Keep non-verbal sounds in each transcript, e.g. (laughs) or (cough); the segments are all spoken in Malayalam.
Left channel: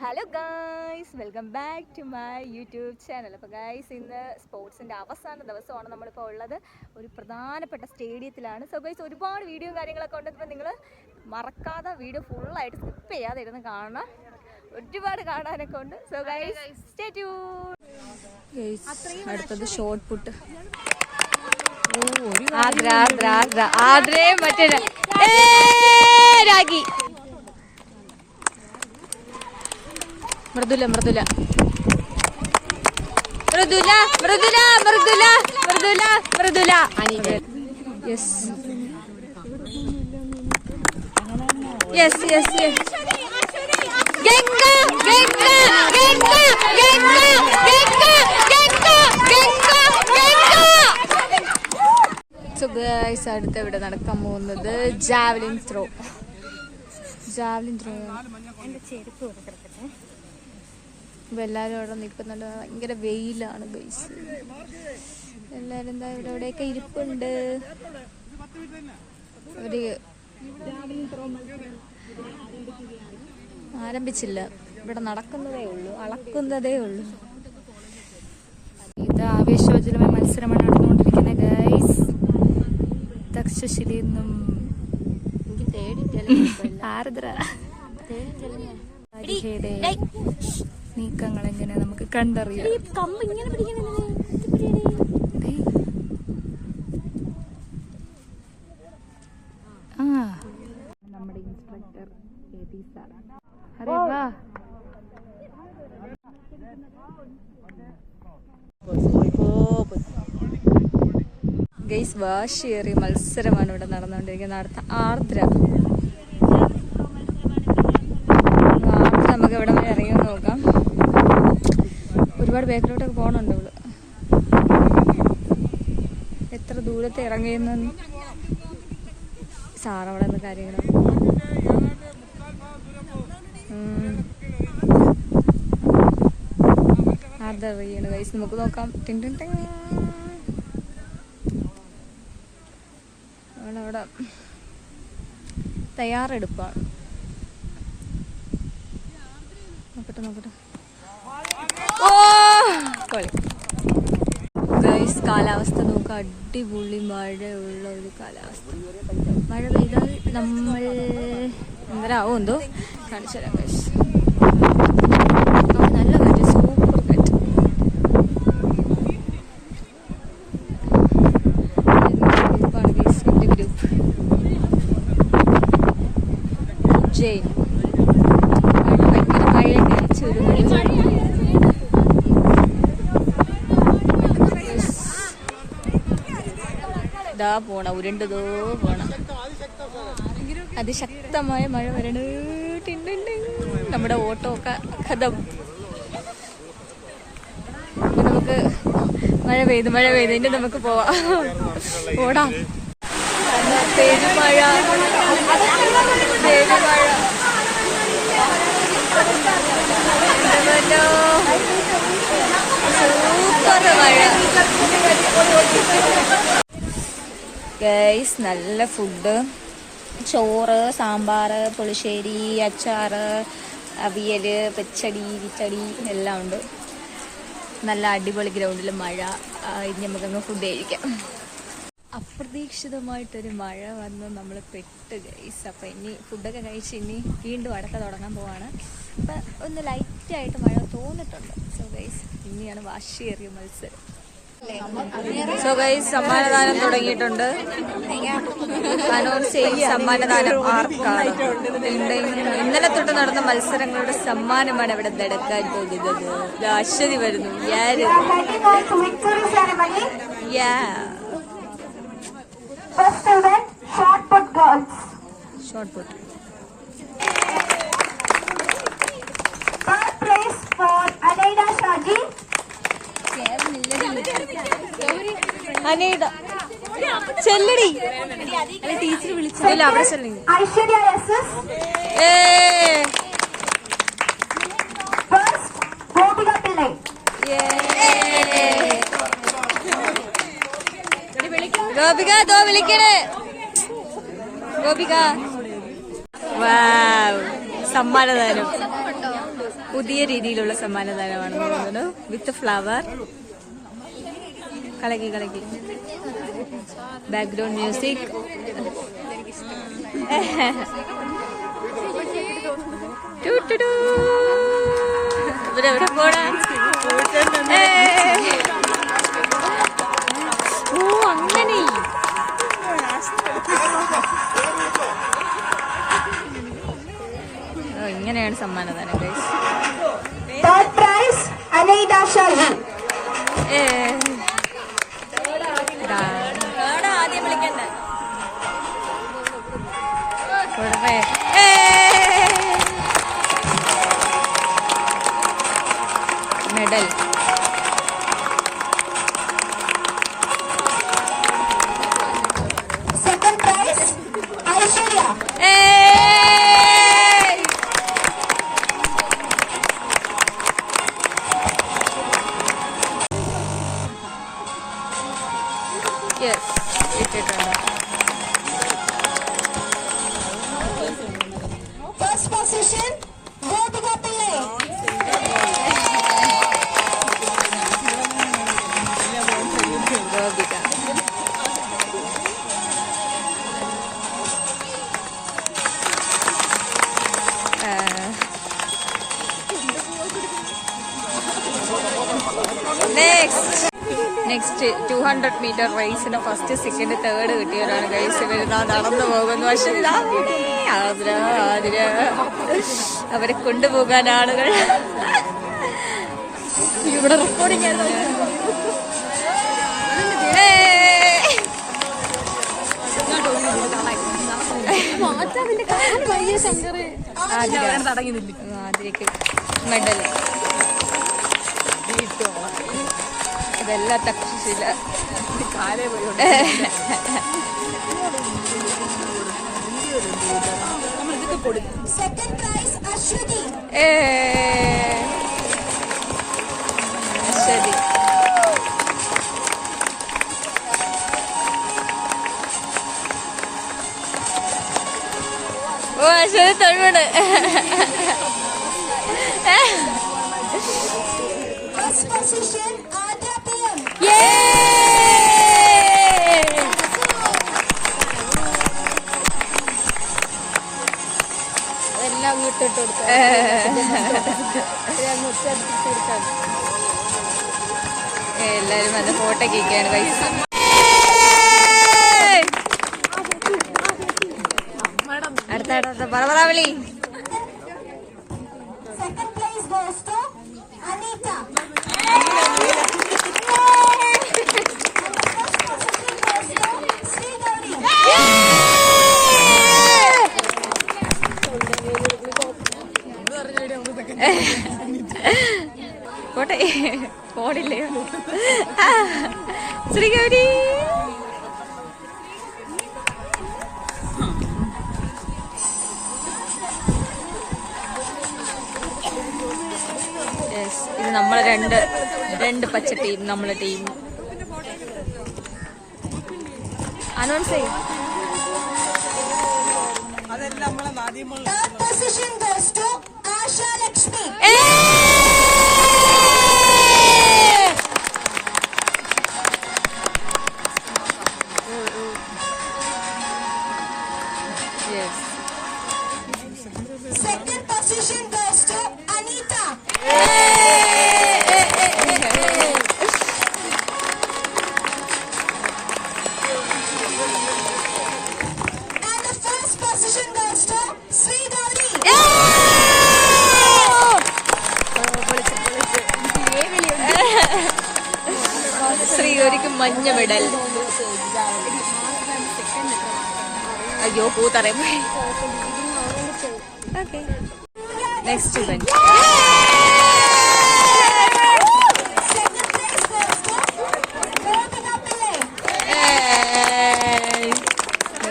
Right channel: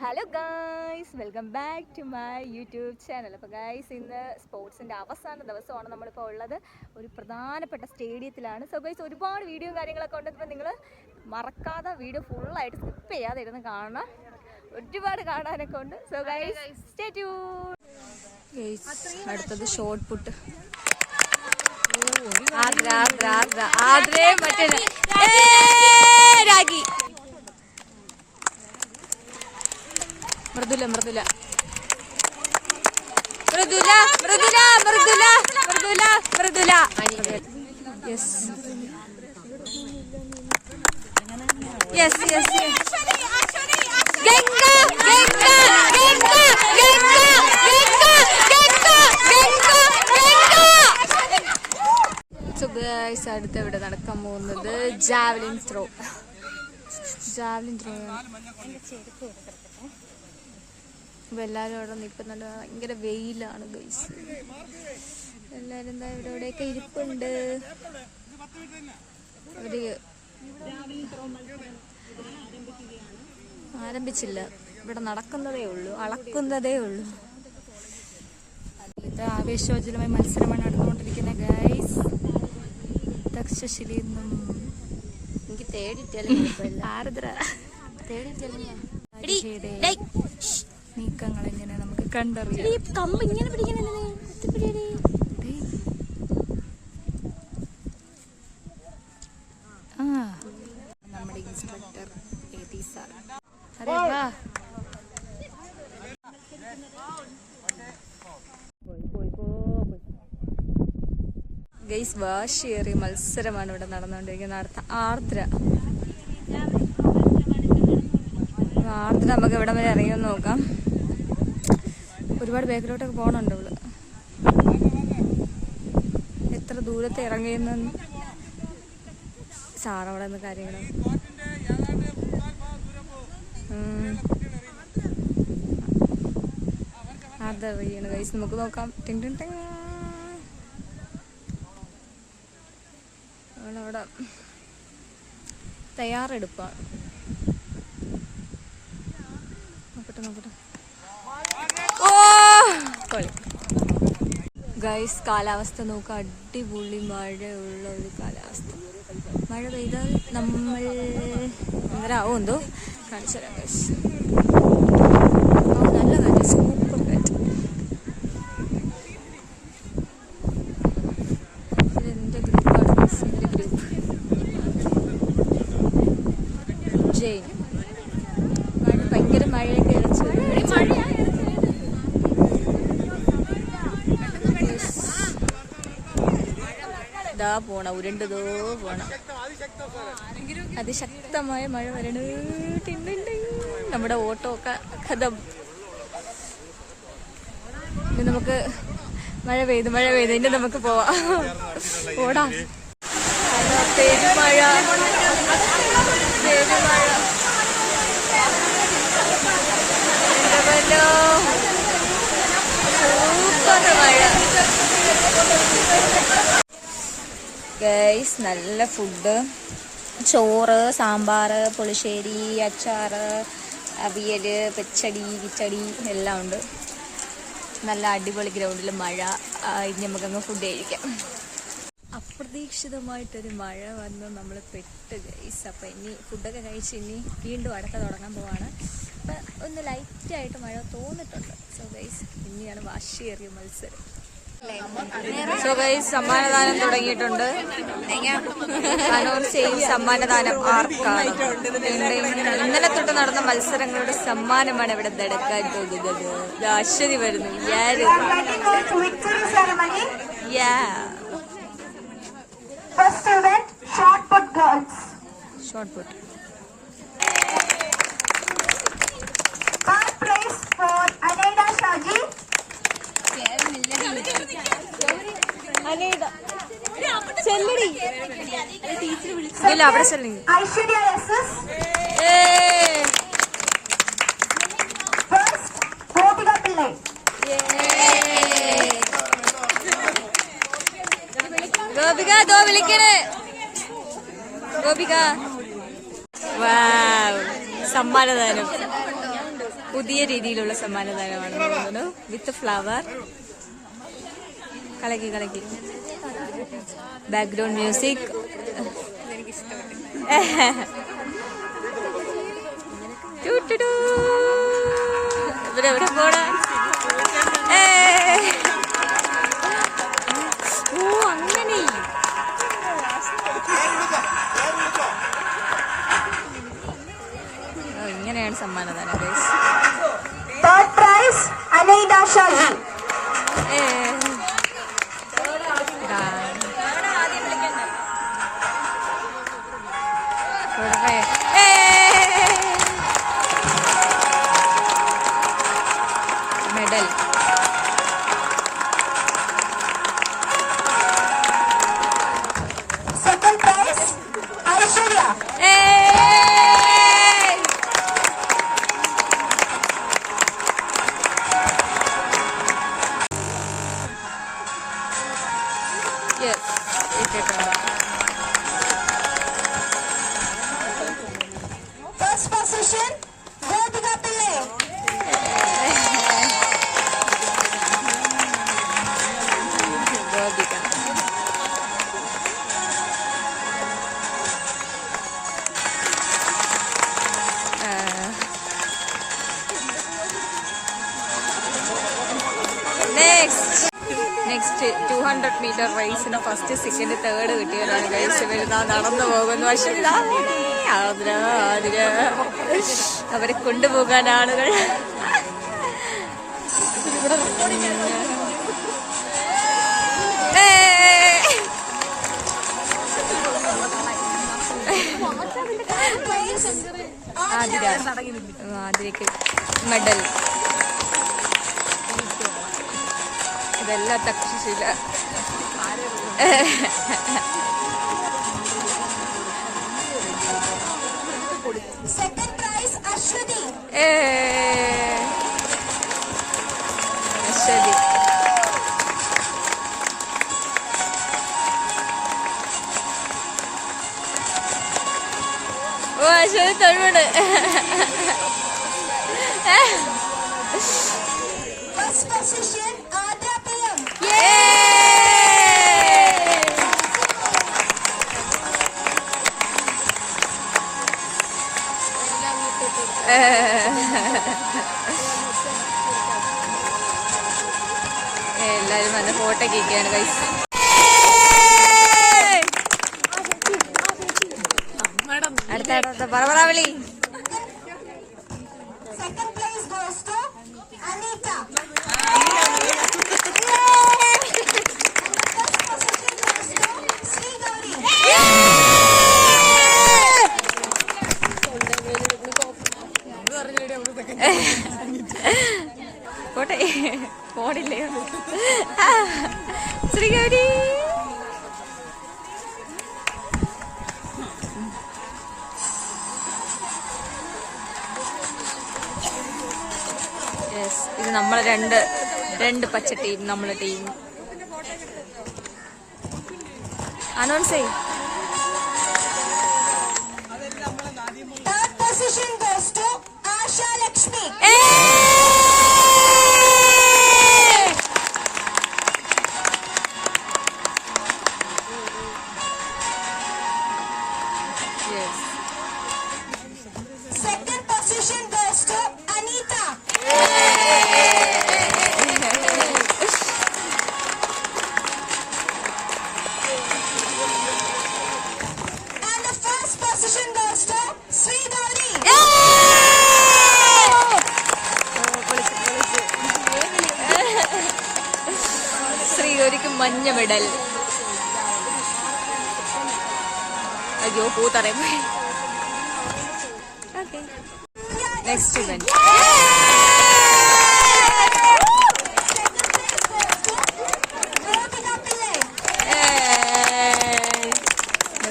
Hello guys welcome back to my YouTube channel അപ്പോൾ ഗായ്സ് ഇന്ന് സ്പോർട്സിന്റെ അവസാന ദിവസമാണ് നമ്മളിപ്പോൾ ഉള്ളത്. ഒരു പ്രധാനപ്പെട്ട സ്റ്റേഡിയത്തിലാണ്. സോ ഗൈസ് ഒരുപാട് വീഡിയോ കാര്യങ്ങളൊക്കെ ഉണ്ടെങ്കിൽ നിങ്ങൾ മറക്കാതെ വീഡിയോ ഫുള്ളായിട്ട് സ്കിപ്പ് ചെയ്യാതെ ഇരുന്ന് കാണണം ഒരുപാട് കാണാനൊക്കെ ഉണ്ട്. സോ ഗൈസ് സ്റ്റേ ട്യൂൺ അടുത്തത് ഷോർട്ട് പുട്ട് ആഗ്ര ആഗ്ര ആഗ്ര ആഗ്രേ മറ്റേ Ragi Mridula Mridula. Mridula Mridula Mridula Mridula Mridula. Yes yes yes Ganga Ganga Ganga Ganga Ganga Ganga Ganga so guys അടുത്ത് ഇവിടെ നടക്കാൻ പോകുന്നത്? ജാവലിൻ ത്രോ ജാവലിൻ ത്രോ അപ്പൊ എല്ലാരും അവിടെ നിൽക്കുന്നുണ്ട്. ഭയങ്കര വെയിലാണ് ഗൈസ് എല്ലാരും എന്താ ഇവിടെ എവിടെയൊക്കെ ഇരിപ്പുണ്ട്. അവർ ആരംഭിച്ചില്ല. ഇവിടെ നടക്കുന്നതേ ഉള്ളൂ അളക്കുന്നതേ ഉള്ളൂ. ഇത് ആവേശോജ്വലമായ മത്സരമാണ് നടന്നുകൊണ്ടിരിക്കുന്നത് ഗൈസ് എനിക്ക് നിന്നും തേടി രാജിഷയുടെ നീക്കങ്ങൾ എങ്ങനെ നമുക്ക് കണ്ടറിയാം. ആ. നമ്മുടെ ഇൻസ്ട്രക്ടർ സാർ. വാ. ഗൈസ് വാശിയേറിയ മത്സരമാണ് ഇവിടെ നടന്നുകൊണ്ടിരിക്കുന്നത്. അടുത്ത ആർദ്ര. ആർദ്ര നമുക്ക് ഇവിടെ വരെ ഇറങ്ങി നോക്കാം. ഒരുപാട് ബാക്കിലോട്ടൊക്കെ പോകണുണ്ട് ഇവൾ. എത്ര ദൂരത്തെ ഇറങ്ങിയെന്ന് സാറവിടെ നിന്ന് കാര്യങ്ങൾ അതറിയണ കൈസ് നമുക്ക് നോക്കാം. ടിങ് ടിങ് തയ്യാറെടുപ്പാണ്. നോക്കട്ടെ നോക്കട്ടെ ഓ കളി ഗൈസ് കാലാവസ്ഥ നോക്കുക അടിപൊളി മഴയുള്ള ഒരു കാലാവസ്ഥ. മഴ പെയ്താൽ നമ്മൾ എന്തരാവോ എന്തോ. കാണിച്ചു തരാം ഗൈസ് നല്ല കാറ്റ് സൂപ്പർ കാറ്റ് ഗ്രൂപ്പ് ജെയിൻ മഴ ഭയങ്കര മഴയൊക്കെ അടിച്ചൊരു ഇതാ പോണ ഉരുണ്ടതോ പോണ. അതിശക്തമായ മഴ വരണ നമ്മുടെ ഓട്ടോ ഒക്കെ കഥം. നമുക്ക് മഴ പെയ്തു മഴ പെയ്തു ഇനി നമുക്ക് പോവാം. ഓടാം. പെരുമഴ. സൂപ്പർ മഴ. ഗൈസ് നല്ല ഫുഡ് ചോറ് സാമ്പാർ പുളിശ്ശേരി അച്ചാർ അവിയൽ പച്ചടി കിച്ചടി എല്ലാം ഉണ്ട്. നല്ല അടിപൊളി ഗ്രൗണ്ടിൽ മഴ. ഇനി നമുക്കങ്ങ് ഫുഡ് കഴിക്കാം. അപ്രതീക്ഷിതമായിട്ടൊരു മഴ വന്ന് നമ്മൾ പെട്ട് ഗൈസ് അപ്പം ഇനി ഫുഡൊക്കെ കഴിച്ച് ഇനി വീണ്ടും അടക്ക തുടങ്ങാൻ പോവാണ്. അപ്പം ഒന്ന് ലൈറ്റായിട്ട് മഴ തോന്നിട്ടുണ്ട്. സോ ഗൈസ് ഇനിയാണ് വാശിയേറിയ മത്സരം. സോ ഗൈസ് സമ്മാനദാനം തുടങ്ങിയിട്ടുണ്ട്. കനൂർ സെയിൽ സമ്മാനദാനം ആർക്കാണ്? ഇന്നലെ തൊട്ട് നടന്ന മത്സരങ്ങളുടെ സമ്മാനമാണ് ഇവിടെ എടുക്കാൻ പോകുന്നത്. അശ്വതി വരുന്നു. ഷോർട്ട് പുട്ട് അനേത ചെല്ലടി ടീച്ചർ വിളിച്ചില്ല ഐശ്വര്യ വിളിക്കണേ. ഗോപിക. വാവ്. സമ്മാനദാനം. പുതിയ രീതിയിലുള്ള സമ്മാനദാനമാണെന്ന് തോന്നുന്നു. വിത്ത് ഫ്ലവർ കളകി കളകി ബാക്ക്ഗ്രൗണ്ട് മ്യൂസിക് പോടാ അങ്ങനെ. ഇങ്ങനെയാണ് സമ്മാനദാനം ഗൈസ്. ഏ. കൊടുക്കേ. ഏ. Medal next next two hundred metre റേസിന് first second third കിട്ടിയവരാണ് കഴിച്ച് വരുന്ന നടന്നു പോകുന്നു. പക്ഷെ. അവരെ കൊണ്ടുപോകാൻ ആളുകൾ. ഇവിടെ റെക്കോർഡിംഗ് ആതിര. ആതിരക്ക് മെഡൽ ഇതെല്ലാം തക്ഷശില ശരി ഓ അശ്വതി തൊഴിലുണ്ട് എല്ലാരും നല്ല ഫോട്ടോ കേൾക്കുകയാണ് കൈസ് അടുത്ത അടുത്ത പറ രണ്ട് രണ്ട് പച്ച ടീം നമ്മളെ ടീം അനൗൺസ് ചെയ്യും. Third മഞ്ഞ മെഡൽ. അയ്യോ പൂ തറയും okay next event Gotika Pillai.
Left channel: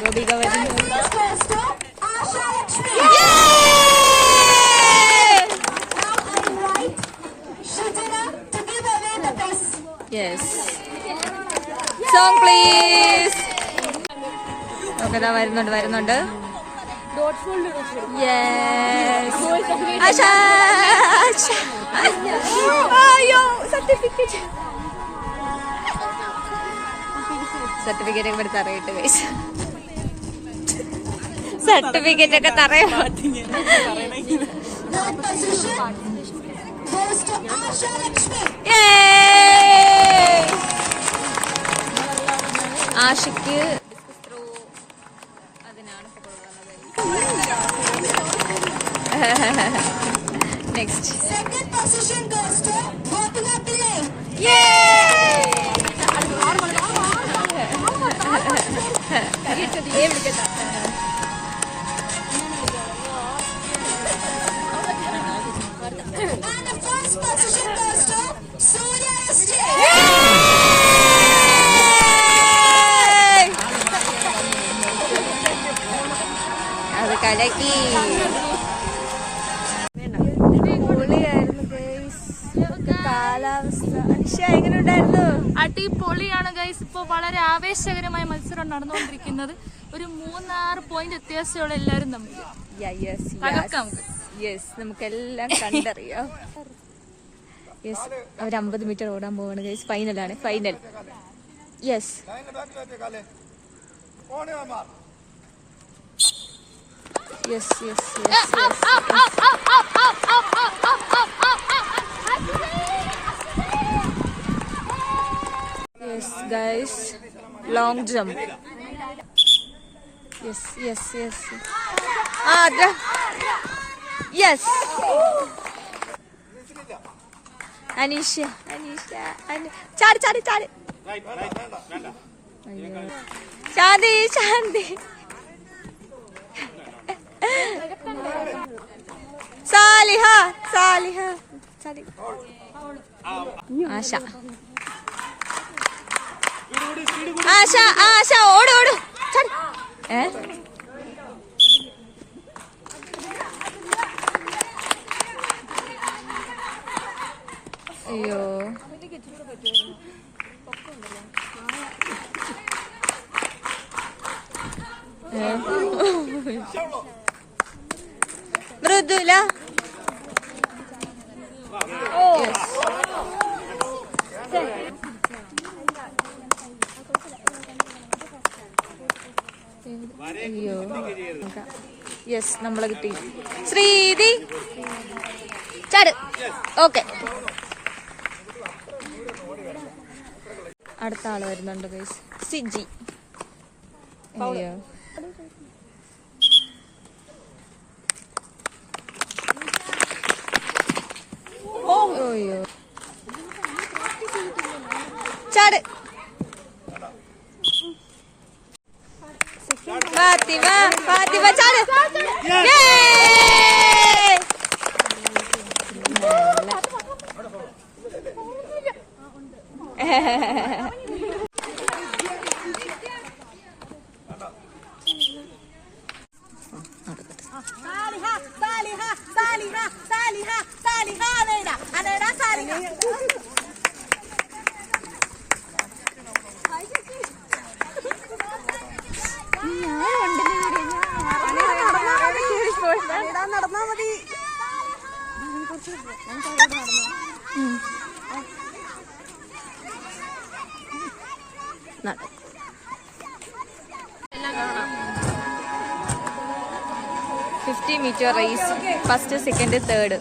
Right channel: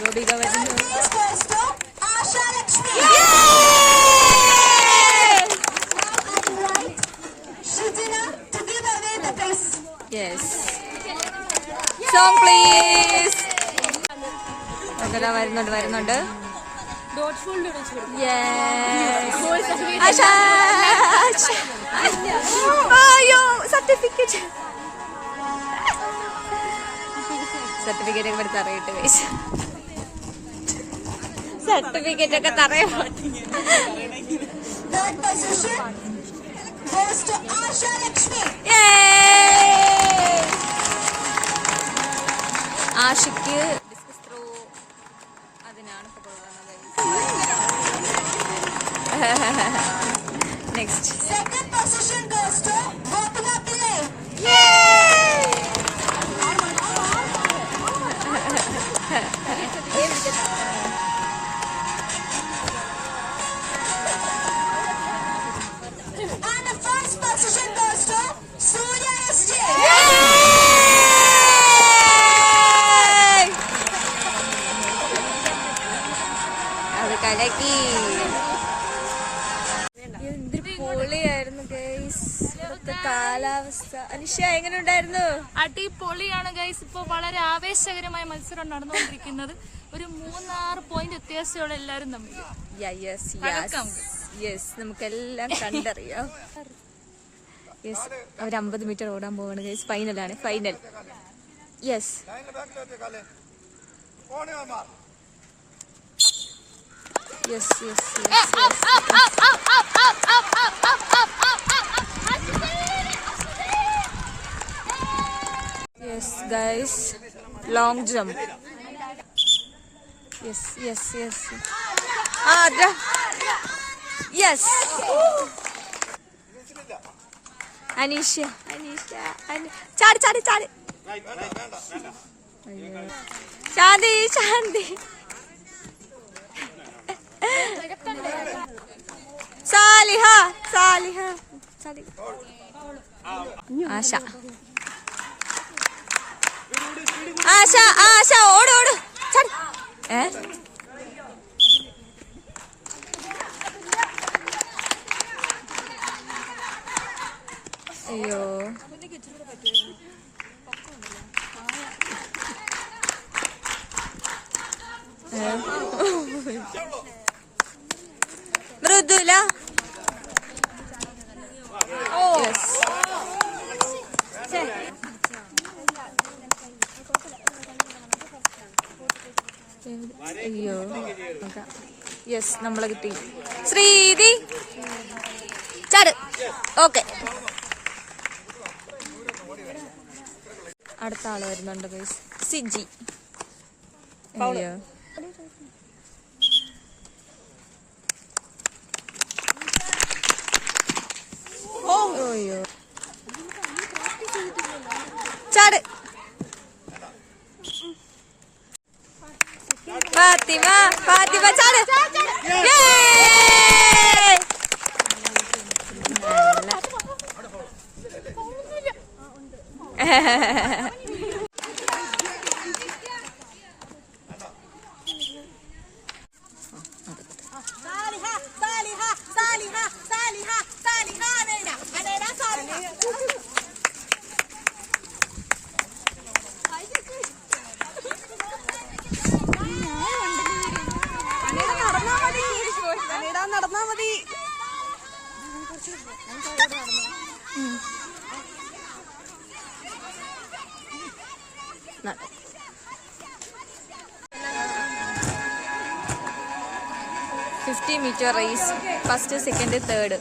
Gopika വരുന്നു First സോങ് പ്ലീസ് ഓക്കെ ഇതാ വരുന്നുണ്ട് വരുന്നുണ്ട്. സർട്ടിഫിക്കറ്റ് ഒക്കെ ഇവിടെ തറയിട്ട് കഴിച്ചു സർട്ടിഫിക്കറ്റ് ഒക്കെ തറയോ? Goes ആശയ്ക്ക് ഡിസ്കസ് ത്രോ അതിനാണ് കൊടുക്കുന്നത്. നെക്സ്റ്റ് ഏ position (laughs) കലക്കി. പൊളിയായിരുന്നു കാലാവസ്ഥ. അനുഷ എങ്ങനെ ഉണ്ടായിരുന്നു അടിപൊളിയാണ് ഗൈസ്. ഇപ്പോൾ വളരെ ആവേശകരമായ മത്സരം നടന്നുകൊണ്ടിരിക്കുന്നത്. ഒരു മൂന്നാറ് പോയിന്റ് വ്യത്യാസമുള്ള എല്ലാരും തമ്മിൽ. യെസ് നമുക്കെല്ലാം കണ്ടറിയാം. യെസ് അവർ അമ്പത് മീറ്റർ ഓടാൻ പോവാണ് guys. ഫൈനലാണ് final yes yes, yes, yes, yes. Yes, guys. Long jump. Yes, yes, yes. Ah, the... yes. Anisha, Anisha, Anisha. Charlie, Charlie, Charlie. Shanti, Shanti. Saliha Asha. Asha Asha ഓട് ഓട്. ഏ? അയ്യോ ഏ? മൃദുല യെസ് അയ്യോ. യെസ് നമ്മളെ കിട്ടി. ശ്രീതി ചാട്. ഓക്കെ അടുത്ത ആൾ വരുന്നുണ്ട് ഗൈസ് സിജി. അയ്യോ. അയ്യോ. ചാട് ഫാത്തിമ ഫാത്തിമ ചാട് Yay! (laughs) (laughs) നടക്കും fifty metre race. First second third.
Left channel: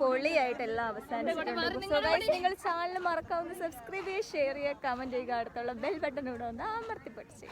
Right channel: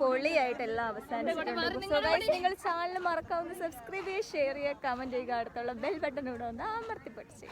കഴിഞ്ഞിട്ടുണ്ട് പൊളിയായിട്ട് എല്ലാം അവസാനിച്ചിട്ടുണ്ട്. സോ നിങ്ങൾ ചാനൽ മറക്കാവുന്ന സബ്സ്ക്രൈബ് ചെയ്യുക ഷെയർ ചെയ്യുക കമന്റ് ചെയ്യുക. അടുത്തുള്ള ബെൽ ബട്ടൺ ഇവിടെ ഒന്ന് അമർത്തിപ്പിടിച്ച്.